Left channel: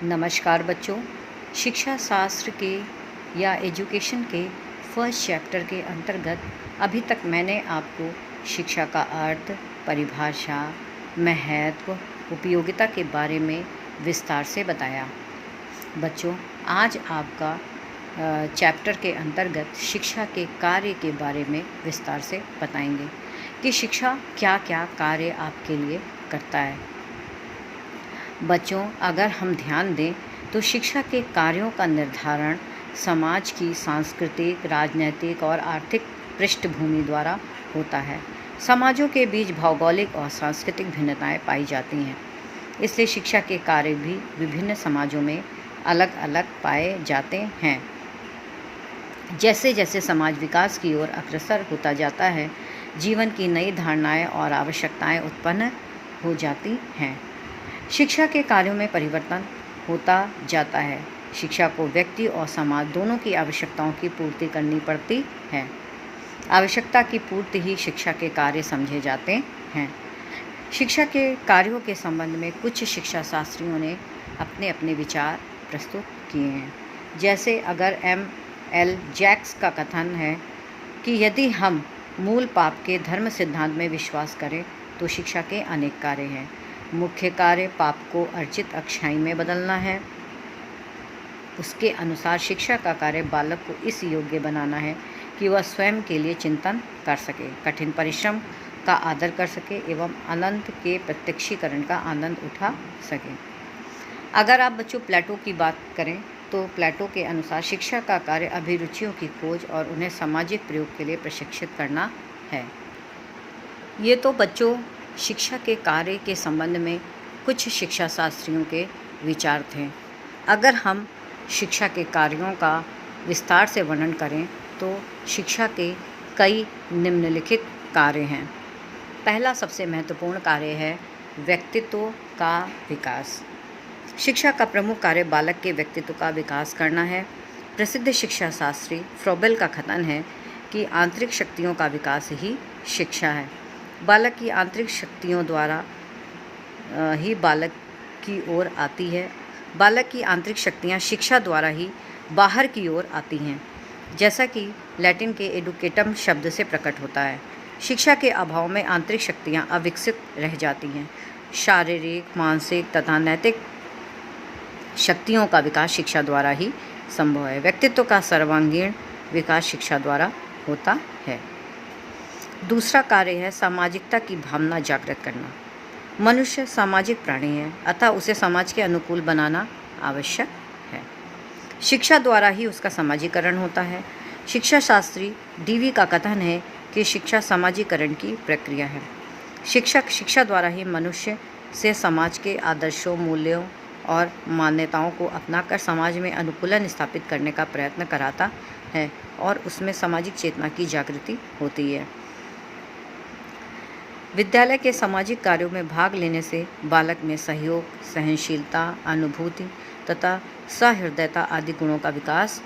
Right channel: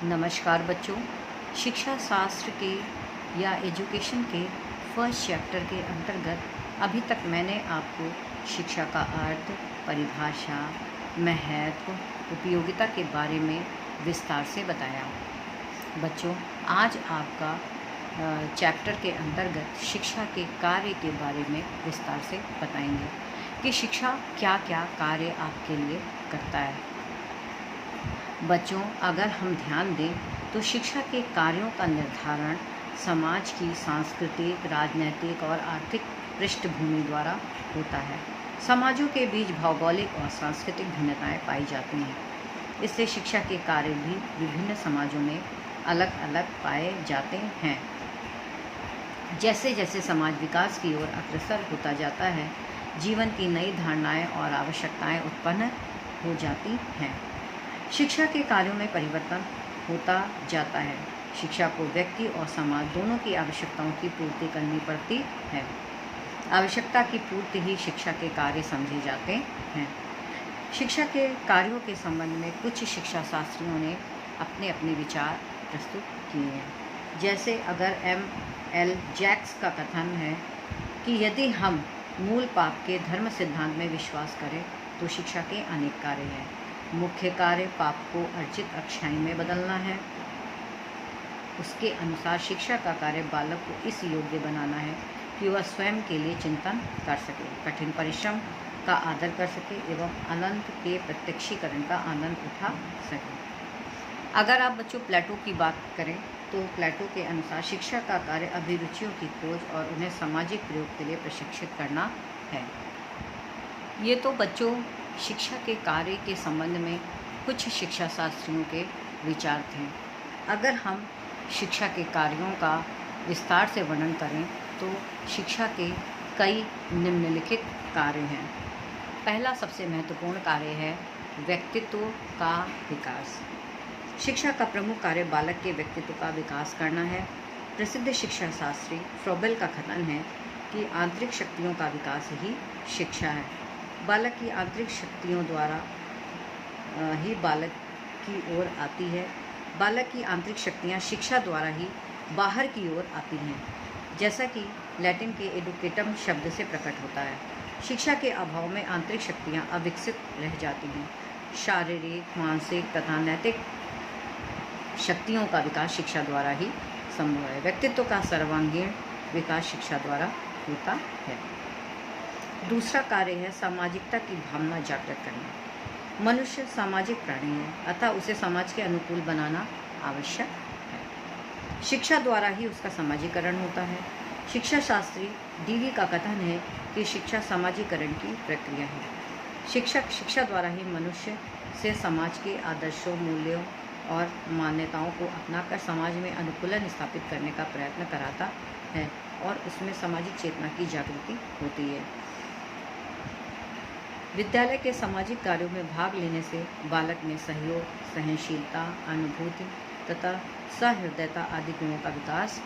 नमस्कार बच्चों। शिक्षा शास्त्र के या एजुकेशन के फर्स्ट चैप्टर के अंतर्गत अभी तक मैंने आपको शिक्षा का अर्थ, परिभाषा, महत्व, उपयोगिता के बारे में विस्तार से बताया। बच्चों, आज आपका चैप्टर के अंतर्गत शिक्षा के कार्य के बारे में विस्तार से बताएंगे कि शिक्षा क्या क्या कार्य आपके लिए करता है। बच्चों, अगर हम ध्यान दें तो शिक्षा के कार्यों का निर्धारण समाज की सांस्कृतिक, राजनीतिक और आर्थिक पृष्ठभूमि द्वारा होता है। समाजों के बीच भौगोलिक और सांस्कृतिक भिन्नताएं पाई जाती हैं, इसलिए शिक्षा के कार्य भी विभिन्न समाजों में अलग अलग पाए जाते हैं। जैसे जैसे समाज विकास की ओर अग्रसर होता जाता है, जीवन की नई धारणाएं और आवश्यकताएं उत्पन्न हो जाती हैं। शिक्षा के कार्यों में परिवर्तन होता जाता है। शिक्षा को व्यक्ति और समाज दोनों की आवश्यकताओं की पूर्ति करनी पड़ती है। आवश्यकता की पूर्ति ही शिक्षा के कार्य समझे जाते हैं। शिक्षा के कार्यों के संबंध में कुछ शिक्षा शास्त्रियों ने अपने अपने विचार प्रस्तुत किए हैं। जैसे अगर एल जैक्स का कथन है कि यदि हम मूल पाप के धर्म सिद्धांत में विश्वास करें तो शिक्षा के अनेक कार्य हैं। मुख्य कार्य पाप को अर्जित अच्छाई में बदलना है। उसके अनुसार शिक्षा का कार्य बालक को इस योग्य बनाना है कि वह स्वयं के लिए चिंतन कर सके, कठिन परिश्रम का आदर कर सके एवं अनंत के प्रत्यक्षीकरण का आनंद उठा सके। अगर आप बच्चों प्लेटो की बात करें तो प्लेटो के अनुसार शिक्षा का कार्य अभिरुचियों की खोज और उन्हें सामाजिक प्रयोग के लिए प्रशिक्षित करना है। ये तो बच्चों शिक्षा के कार्य के संबंध में कुछ शिक्षा शास्त्रियों के विचार थे। अगर हम शिक्षा के कार्यों का विस्तार से वर्णन करें तो शिक्षा के कई निम्नलिखित कार्य हैं। पहला सबसे महत्वपूर्ण कार्य है व्यक्तित्व का विकास। शिक्षा का प्रमुख कार्य बालक के व्यक्तित्व का विकास करना है। प्रसिद्ध शिक्षा शास्त्री फ्रोबेल का कथन है कि आंतरिक शक्तियों का विकास ही शिक्षा है। बालक की आंतरिक शक्तियों द्वारा ही बालक की ओर आती है। बालक की आंतरिक शक्तियाँ शिक्षा द्वारा ही बाहर की ओर आती हैं, जैसा कि लैटिन के एडुकेटम शब्द से प्रकट होता है। शिक्षा के अभाव में आंतरिक शक्तियाँ अविकसित रह जाती हैं। शारीरिक, मानसिक तथा नैतिक शक्तियों का विकास शिक्षा द्वारा ही संभव है। व्यक्तित्व का सर्वांगीण विकास शिक्षा द्वारा होता है। दूसरा कार्य है सामाजिकता की भावना जागृत करना। मनुष्य सामाजिक प्राणी है, अतः उसे समाज के अनुकूल बनाना आवश्यक है। शिक्षा द्वारा ही उसका समाजीकरण होता है। शिक्षा शास्त्री डीवी का कथन है कि शिक्षा समाजीकरण की प्रक्रिया है। शिक्षा द्वारा ही मनुष्य से समाज के आदर्शों, मूल्यों और मान्यताओं को अपनाकर समाज में अनुकूलन स्थापित करने का प्रयत्न कराता है और उसमें सामाजिक चेतना की जागृति होती है। विद्यालय के सामाजिक कार्यों में भाग लेने से बालक में सहयोग, सहनशीलता, अनुभूति तथा सहृदयता आदि गुणों का विकास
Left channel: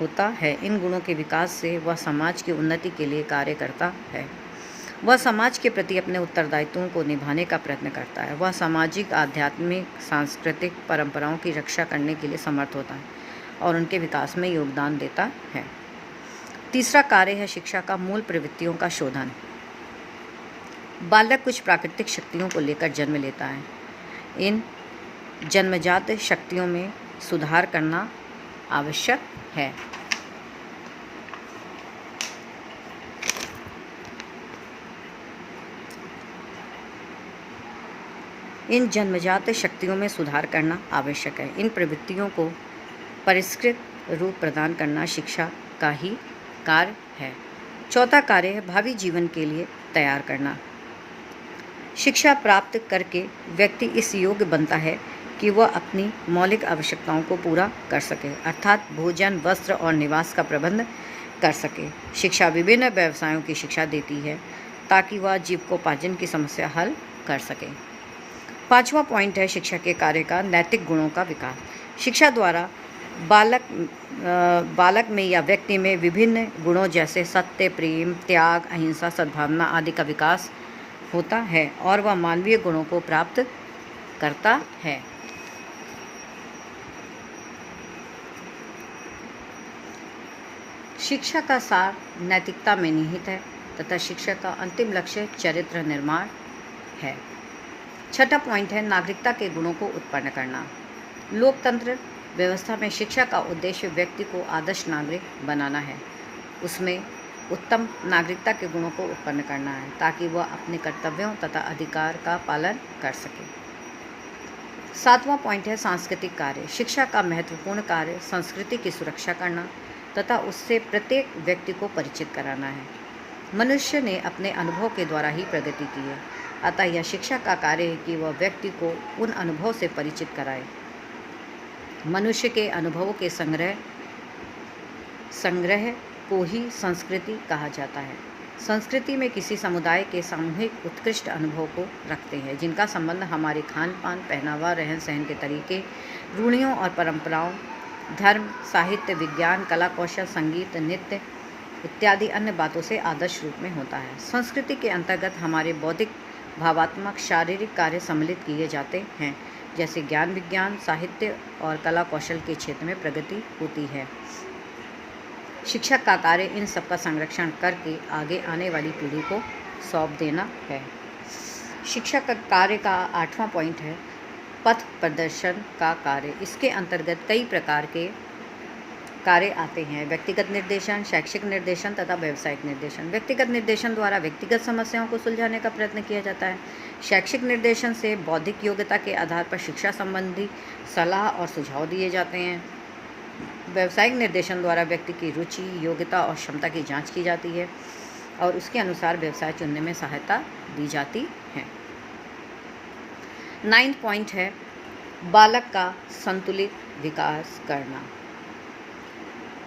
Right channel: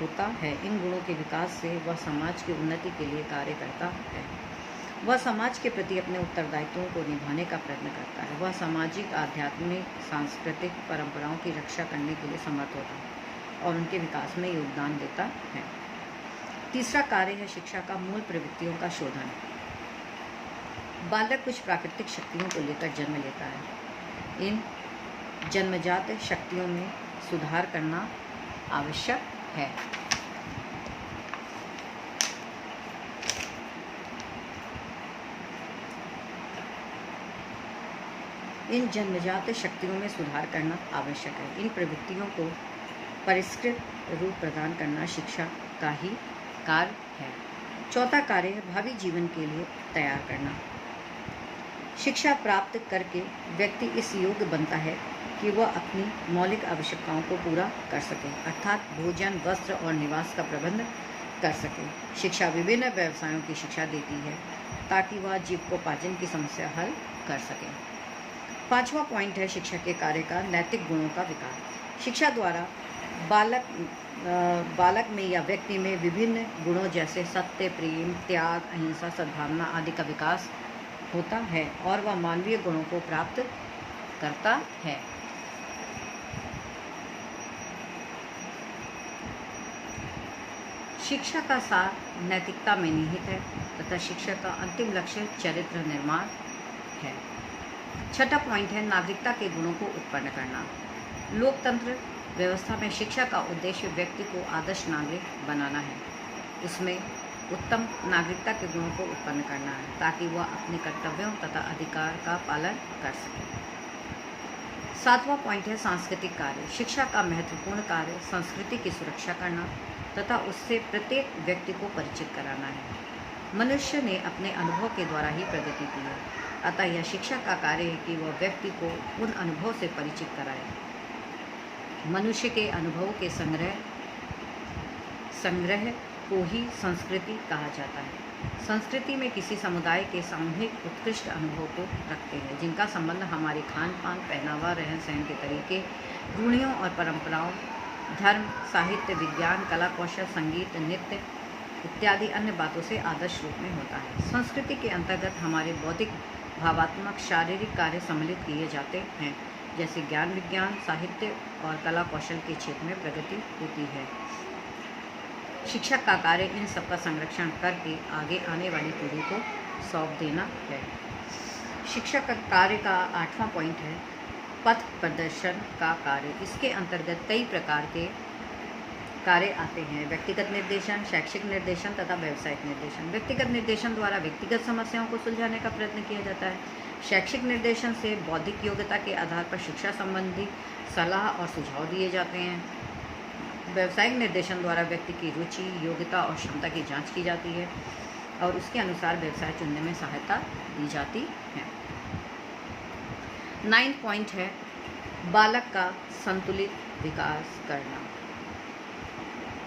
होता है। इन गुणों के विकास से वह समाज की उन्नति के लिए कार्य करता है। वह समाज के प्रति अपने उत्तरदायित्वों को निभाने का प्रयत्न करता है। वह सामाजिक, आध्यात्मिक, सांस्कृतिक परंपराओं की रक्षा करने के लिए समर्थ होता है और उनके विकास में योगदान देता है। तीसरा कार्य है शिक्षा का मूल प्रवृत्तियों का शोधन। बालक कुछ प्राकृतिक शक्तियों को लेकर जन्म लेता है। इन जन्मजात शक्तियों में सुधार करना आवश्यक है। इन जन्मजात शक्तियों में सुधार करना आवश्यक है। इन प्रवृत्तियों को परिष्कृत रूप प्रदान करना शिक्षा का ही कार्य है। चौथा कार्य है भावी जीवन के लिए तैयार करना। शिक्षा प्राप्त करके व्यक्ति इस योग्य बनता है कि वह अपनी मौलिक आवश्यकताओं को पूरा कर सके, अर्थात भोजन, वस्त्र और निवास का प्रबंध कर सके। शिक्षा विभिन्न व्यवसायों की शिक्षा देती है ताकि वह जीविकोपार्जन की समस्या हल कर सके। पांचवा पॉइंट है शिक्षा के कार्य का नैतिक गुणों का विकास। शिक्षा द्वारा बालक में या व्यक्ति में विभिन्न गुणों जैसे सत्य, प्रेम, त्याग, अहिंसा, सद्भावना आदि का विकास होता है और वह मानवीय गुणों को प्राप्त करता है। शिक्षा का सार नैतिकता में निहित है तथा शिक्षा का अंतिम लक्ष्य चरित्र निर्माण है। छठा पॉइंट है नागरिकता के गुणों को उत्पन्न करना। लोकतंत्र व्यवस्था में शिक्षा का उद्देश्य व्यक्ति को आदर्श नागरिक बनाना है, उसमें उत्तम नागरिकता के गुणों को उत्पन्न करना है ताकि वह अपने कर्तव्यों तथा अधिकार का पालन कर सके। सातवां पॉइंट है सांस्कृतिक कार्य। शिक्षा का महत्वपूर्ण कार्य संस्कृति की सुरक्षा करना तथा उससे प्रत्येक व्यक्ति को परिचित कराना है। मनुष्य ने अपने अनुभव के द्वारा ही प्रगति की है, अतः यह शिक्षा का कार्य है कि वह व्यक्ति को उन अनुभव से परिचित कराए। मनुष्य के अनुभवों के संग्रह को ही संस्कृति कहा जाता है। संस्कृति में किसी समुदाय के सामूहिक उत्कृष्ट अनुभव को रखते हैं जिनका संबंध हमारे खान पान, पहनावा, रहन सहन के तरीके, रूढ़ियों और परंपराओं, धर्म, साहित्य, विज्ञान, कला कौशल, संगीत, नृत्य इत्यादि अन्य बातों से आदर्श रूप में होता है। संस्कृति के अंतर्गत हमारे बौद्धिक, भावात्मक, शारीरिक कार्य सम्मिलित किए जाते हैं, जैसे ज्ञान, विज्ञान, साहित्य और कला कौशल के क्षेत्र में प्रगति होती है। शिक्षक का कार्य इन सब का संरक्षण करके आगे आने वाली पीढ़ी को सौंप देना है। शिक्षक का कार्य का आठवां पॉइंट है पथ प्रदर्शन का कार्य। इसके अंतर्गत कई प्रकार के कार्य आते हैं: व्यक्तिगत निर्देशन, शैक्षिक निर्देशन तथा व्यावसायिक निर्देशन। व्यक्तिगत निर्देशन द्वारा व्यक्तिगत समस्याओं को सुलझाने का प्रयत्न किया जाता है। शैक्षिक निर्देशन से बौद्धिक योग्यता के आधार पर शिक्षा संबंधी सलाह और सुझाव दिए जाते हैं। व्यावसायिक निर्देशन द्वारा व्यक्ति की रुचि, योग्यता और क्षमता की जांच की जाती है और उसके अनुसार व्यवसाय चुनने में सहायता दी जाती है। 9 पॉइंट है बालक का संतुलित विकास करना।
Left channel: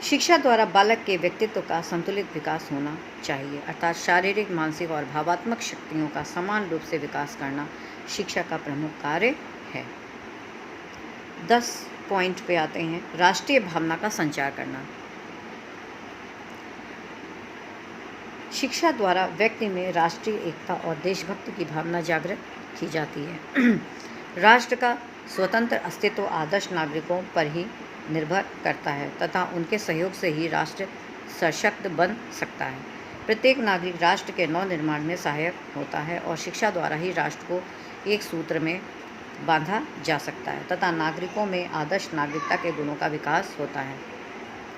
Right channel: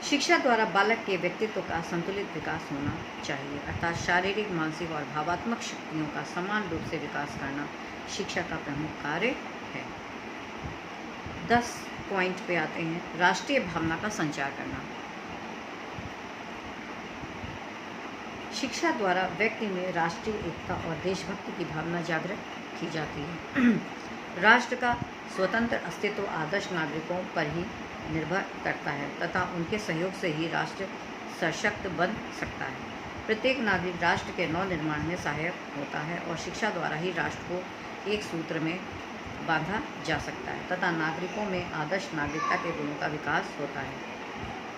शिक्षा द्वारा बालक के व्यक्तित्व का संतुलित विकास होना चाहिए, अर्थात शारीरिक, मानसिक और भावात्मक शक्तियों का समान रूप से विकास करना शिक्षा का प्रमुख कार्य है। 10 पॉइंट पे आते हैं राष्ट्रीय भावना का संचार करना। शिक्षा द्वारा व्यक्ति में राष्ट्रीय एकता और देशभक्ति की भावना जागृत की जाती है। राष्ट्र का स्वतंत्र अस्तित्व आदर्श नागरिकों पर ही निर्भर करता है तथा उनके सहयोग से ही राष्ट्र सशक्त बन सकता है। प्रत्येक नागरिक राष्ट्र के नव निर्माण में सहायक होता है और शिक्षा द्वारा ही राष्ट्र को एक सूत्र में बांधा जा सकता है तथा नागरिकों में आदर्श नागरिकता के गुणों का विकास होता है।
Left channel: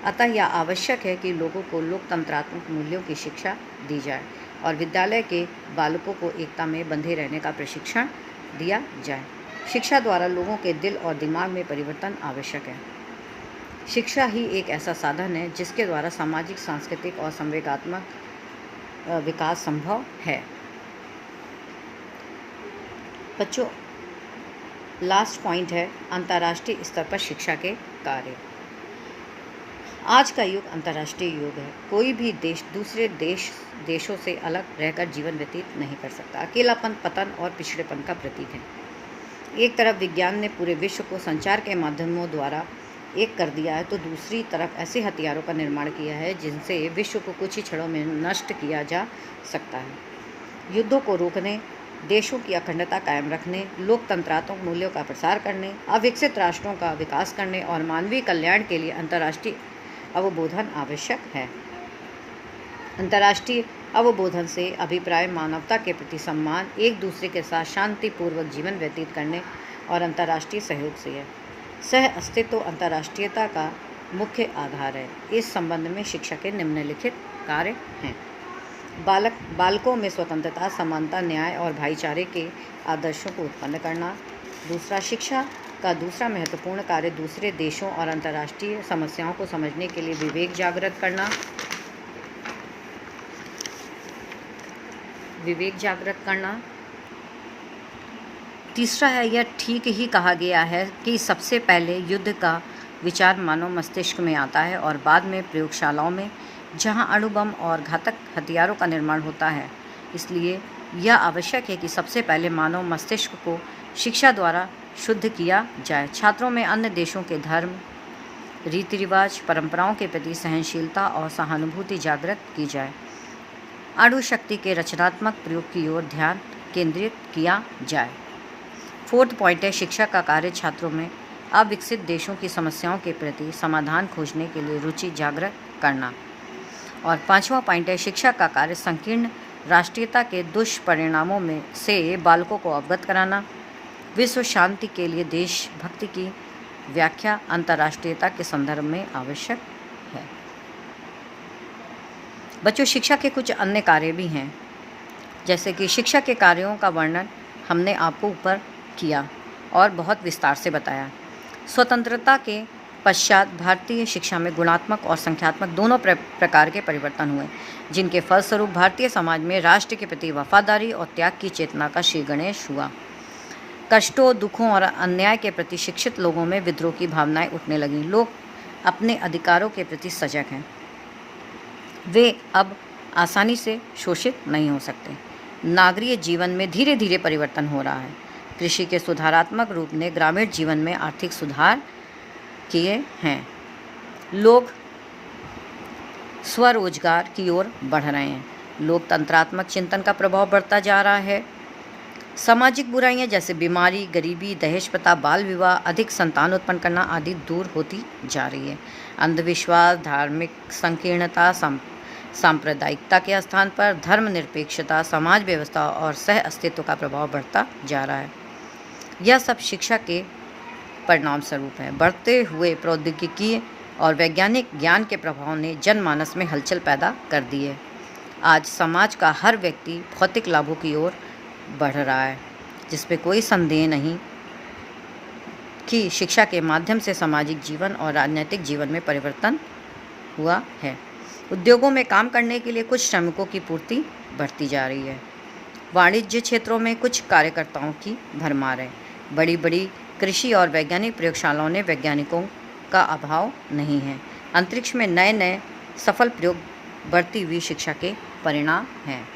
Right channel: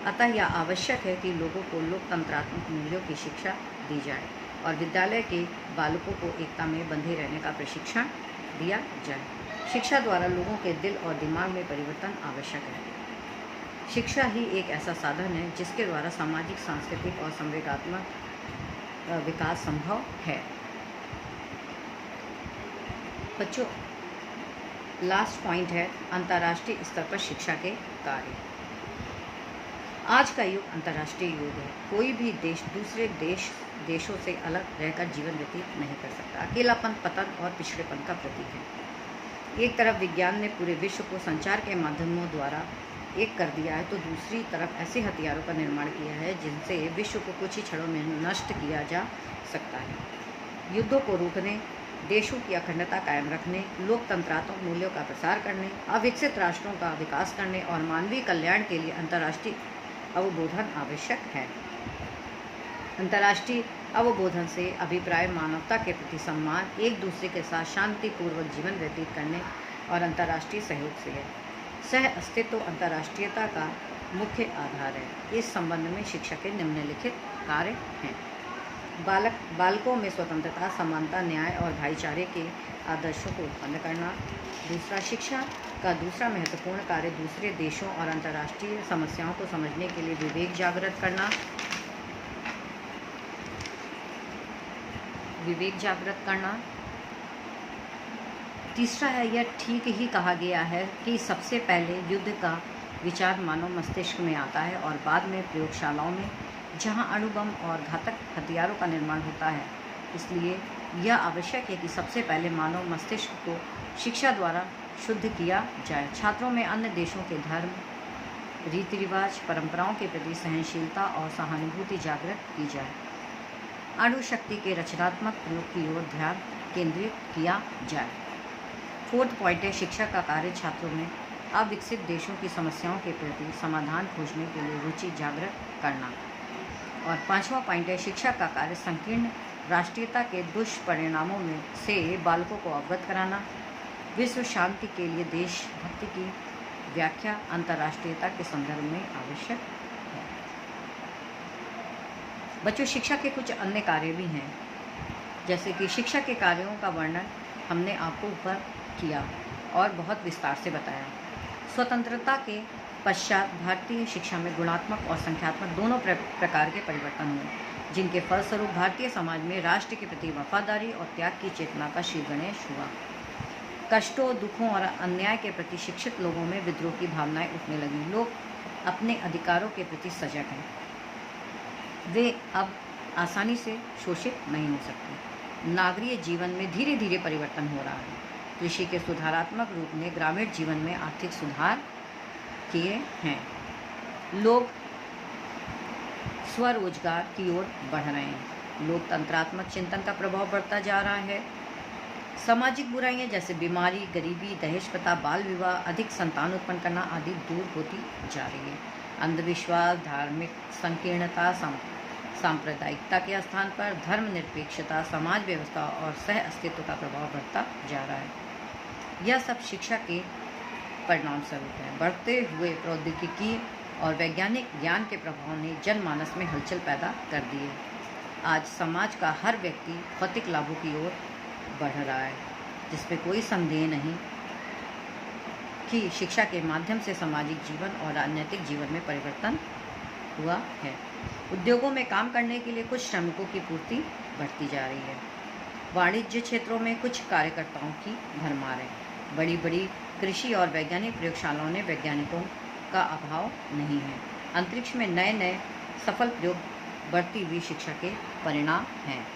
अतः यह आवश्यक है कि लोगों को लोकतंत्रात्मक मूल्यों की शिक्षा दी जाए और विद्यालय के बालकों को एकता में बंधे रहने का प्रशिक्षण दिया जाए। शिक्षा द्वारा लोगों के दिल और दिमाग में परिवर्तन आवश्यक है। शिक्षा ही एक ऐसा साधन है जिसके द्वारा सामाजिक, सांस्कृतिक और संवेगात्मक विकास संभव है। बच्चों, लास्ट पॉइंट है अंतर्राष्ट्रीय स्तर पर शिक्षा के कार्य। आज का युग अंतर्राष्ट्रीय युग है। कोई भी देश दूसरे देशों से अलग रहकर जीवन व्यतीत नहीं कर सकता। अकेलापन, पतन और पिछड़ेपन का प्रतीक है। एक तरफ विज्ञान ने पूरे विश्व को संचार के माध्यमों द्वारा एक कर दिया है तो दूसरी तरफ ऐसे हथियारों का निर्माण किया है जिनसे विश्व को कुछ ही क्षणों में नष्ट किया जा सकता है। युद्धों को रोकने, देशों की अखंडता कायम रखने, लोकतंत्रात्मक मूल्यों का प्रसार करने, अविकसित राष्ट्रों का विकास करने और मानवीय कल्याण के लिए अंतर्राष्ट्रीय अवबोधन आवश्यक है। अंतर्राष्ट्रीय अवबोधन से अभिप्राय मानवता के प्रति सम्मान, एक दूसरे के साथ शांतिपूर्वक जीवन व्यतीत करने और अंतर्राष्ट्रीय सहयोग से है। सह अस्तित्व अंतर्राष्ट्रीयता का मुख्य आधार है। इस संबंध में शिक्षा के निम्नलिखित कार्य हैं: बालकों में स्वतंत्रता, समानता, न्याय और भाईचारे के आदर्शों को उत्पन्न करना। दूसरा, शिक्षा का दूसरा महत्वपूर्ण कार्य दूसरे देशों और अंतर्राष्ट्रीय समस्याओं को समझने के लिए विवेक जागृत करना। तीसरा है, यह ठीक ही कहा गया है कि सबसे पहले युद्ध का विचार मानव मस्तिष्क में आता है और बाद में प्रयोगशालाओं में, जहां अणु बम और घातक हथियारों का निर्माण होता है। इसलिए यह आवश्यक है कि सबसे पहले मानव मस्तिष्क को शिक्षा द्वारा शुद्ध किया जाए। छात्रों में अन्य देशों के धर्म, रीति रिवाज, परंपराओं के प्रति सहनशीलता और सहानुभूति जागृत की जाए। अणु शक्ति के रचनात्मक प्रयोग की ओर ध्यान केंद्रित किया जाए। 4th पॉइंट है, शिक्षा का कार्य छात्रों में अविकसित देशों की समस्याओं के प्रति समाधान खोजने के लिए रुचि जागृत करना। और 5वां पॉइंट है, शिक्षा का कार्य संकीर्ण राष्ट्रीयता के दुष्परिणामों में से बालकों को अवगत कराना। विश्व शांति के लिए देशभक्ति की व्याख्या अंतर्राष्ट्रीयता के संदर्भ में आवश्यक है। बच्चों, शिक्षा के कुछ अन्य कार्य भी हैं, जैसे कि शिक्षा के कार्यों का वर्णन हमने आपको ऊपर किया और बहुत विस्तार से बताया। स्वतंत्रता के पश्चात भारतीय शिक्षा में गुणात्मक और संख्यात्मक दोनों प्रकार के परिवर्तन हुए, जिनके फलस्वरूप भारतीय समाज में राष्ट्र के प्रति वफादारी और त्याग की चेतना का श्री गणेश हुआ। कष्टों, दुखों और अन्याय के प्रति शिक्षित लोगों में विद्रोह की भावनाएं उठने लगीं। लोग अपने अधिकारों के प्रति सजग हैं। वे अब आसानी से शोषित नहीं हो सकते। नागरिक जीवन में धीरे धीरे परिवर्तन हो रहा है। कृषि के सुधारात्मक रूप ने ग्रामीण जीवन में आर्थिक सुधार किए हैं। लोग स्वरोजगार की ओर बढ़ रहे हैं। लोकतंत्रात्मक चिंतन का प्रभाव बढ़ता जा रहा है। सामाजिक बुराइयां जैसे बीमारी, गरीबी, दहेज प्रथा, बाल विवाह, अधिक संतान उत्पन्न करना आदि दूर होती जा रही है। अंधविश्वास, धार्मिक संकीर्णता, सांप्रदायिकता के स्थान पर धर्मनिरपेक्षता, समाज व्यवस्था और सह अस्तित्व का प्रभाव बढ़ता जा रहा है। यह सब शिक्षा के परिणाम स्वरूप है। बढ़ते हुए प्रौद्योगिकी और वैज्ञानिक ज्ञान के प्रभाव ने जनमानस में हलचल पैदा कर दी है। आज समाज का हर व्यक्ति भौतिक लाभों की ओर बढ़ रहा है, जिसमें कोई संदेह नहीं कि शिक्षा के माध्यम से सामाजिक जीवन और राजनीतिक जीवन में परिवर्तन हुआ है। उद्योगों में काम करने के लिए कुछ श्रमिकों की पूर्ति बढ़ती जा रही है। वाणिज्य क्षेत्रों में कुछ कार्यकर्ताओं की भरमार है। बड़ी बड़ी कृषि और वैज्ञानिक प्रयोगशालाओं ने वैज्ञानिकों का अभाव नहीं है। अंतरिक्ष में नए नए सफल प्रयोग बढ़ती हुई शिक्षा के परिणाम हैं।